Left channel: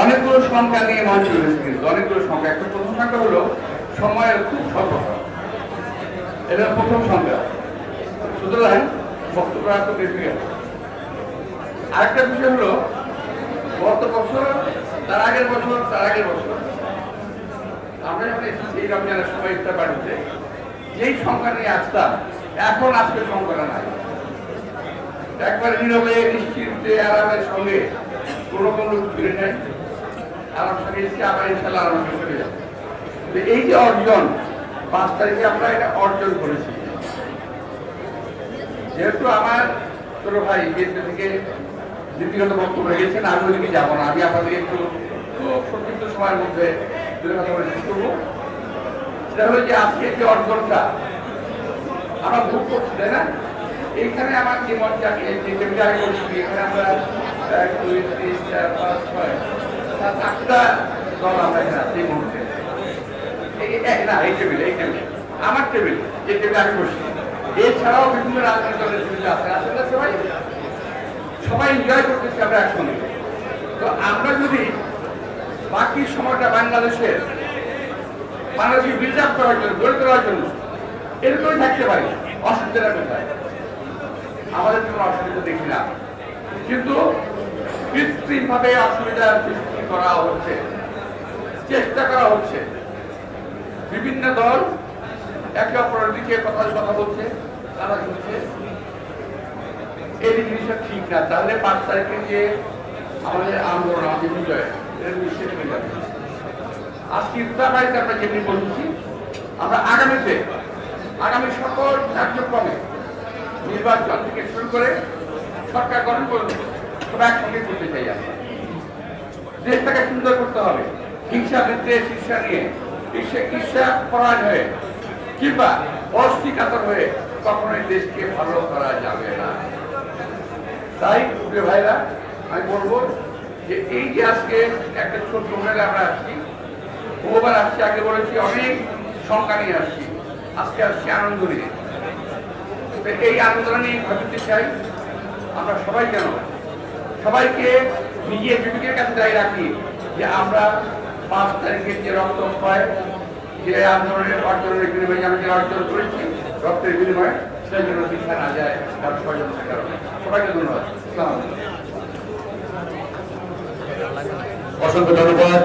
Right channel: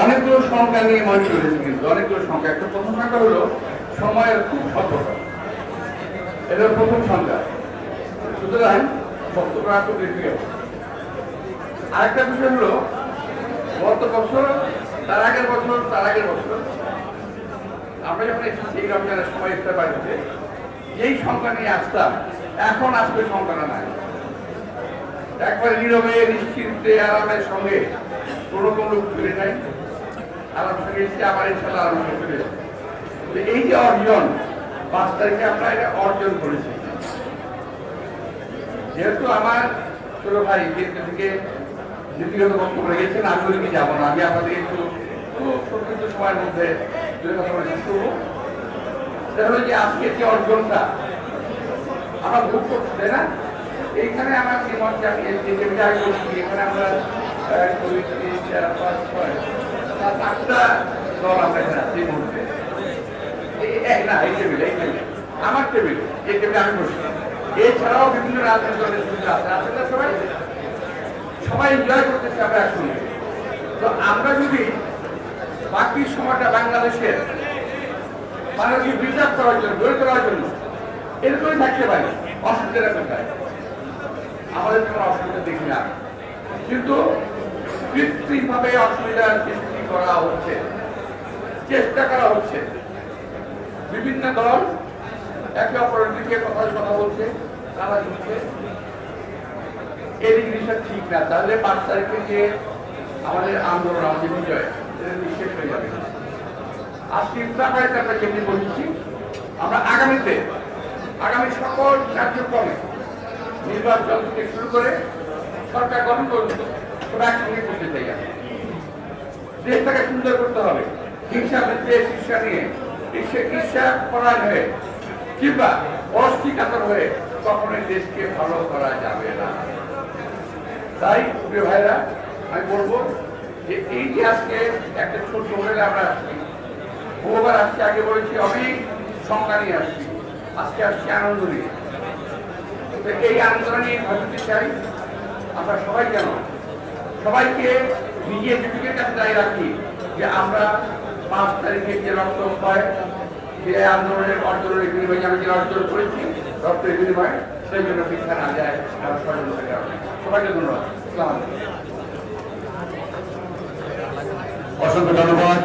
অনেকগুলো সংখ্যা নিয়ে রয়েছে অনেকগুলো সংখ্যা। একটা প্রথম সংখ্যা হলো সময়ের খুব স্বল্পতা এটা প্রথম সংখ্যা। সুতরাং বক্তব্য আরেকটা বিষয় হলো, গত বছর তার আগের বছর, তার আগের বছর। আমরা যখন এই রমজানের সময় ইফতার বাড়িতে যেই সংখ্যা নিয়ে আসতাম, এখন আজকে সংখ্যাটা নাই। একবারে নীরবে, নিশ্চিন্তে, আরামের সঙ্গে কোনো কোনো চলে নাই। আরাম সঙ্গে এসে আবার ইনশাল্লাহ আরাম চলে যাবে। এই যে অর্জন, পাঁচ তারিখে আমরা এটা অর্জন করেছি। যেহেতু আমার ছোট ভাই কেন্দ্র থেকে নীতিগত বক্তব্য রেখেছেন আমি ওইদিকে যাব না। আমি আপনাদের একটু সংক্ষিপ্ত সময়ের মধ্যে সেটা হলো যে আজকে যে অর্জনটা, আমরা ভোগ করছি না? এইখানে আমার যে মনটা এখানে আমরা দল আমরা এখানে মুহূর্তে। আমার টেবিল এই টেবিলে আমি বসি। এছাড়াও বিভিন্ন রাজনৈতিক দলের সুবিধা আছে। আছে সবাই সবাই এনজয় করতেছে আমরা একসঙ্গে। তো আমরা যদি বাকি সময়টা বাংলাদেশের বাংলাদেশকে রিজার্ভ করার জন্য, গড়ে তোলার জন্য, এরকমই থাকতে পারি। অসুবিধাটা কোথায়? আমাদের কোনো অসুবিধা দেখি না। কিন্তু কৃত্রিমভাবে অসুবিধার সৃষ্টি করা হচ্ছে, চেষ্টা করা হচ্ছে। বিভিন্ন দল একে অপরের দিকে কথা কথা বলছে, তারা হচ্ছে এই জিনিসটা ঠিক না, তাহলে পাঁচ তারিখে যে আমাদের আন্দোলন, আমাদের বিজয় আজকে ইফতার বাড়িতে আমরা যেমনি বলছি আমরা আগামীতে, আগামী সকল কার্যক্রমে নির্বাচন থেকে শুরু করে সরকার গঠন পর্যন্ত সব একসঙ্গে করতে চাই দেশটাকে সুন্দর করতে হবে। হিংসা বিদ্বেষ ঈর্ষা নিয়ে ঈর্ষা ঈর্ষা পরায়ণ হয়ে, কিংবা অস্থিকাতর হয়ে কখনোই দেশকে ভালো করা যাবে না। তাই প্রিয় ভাইরা, আমি বলব যে এই যে আজকে একটা ছোট্ট হোটেলে আমরা আসছি, বহুবার আসছি, আগে বলেছি, অনেক সংখ্যা নিয়ে আসছি। আজকে আসছি আনন্দ নিয়ে। এই আনন্দটা নিয়ে ভাবতে চাই, আমরা সবাই যেন সবাইকে নিজের বিবেকের কাছে দায়ী রাখি, যে আমরা পাঁচ তারিখে যে রক্ত পায়, যে আন্দোলনের অর্জনের বিনিময়ে আমি যে অর্জন করেছি, রক্তের বিনিময়ে সেই জন্য শিক্ষা না যায় তার ষড়যন্ত্রের কারণে সবাইকে ধন্যবাদ। অসংখ্য ধন্যবাদ।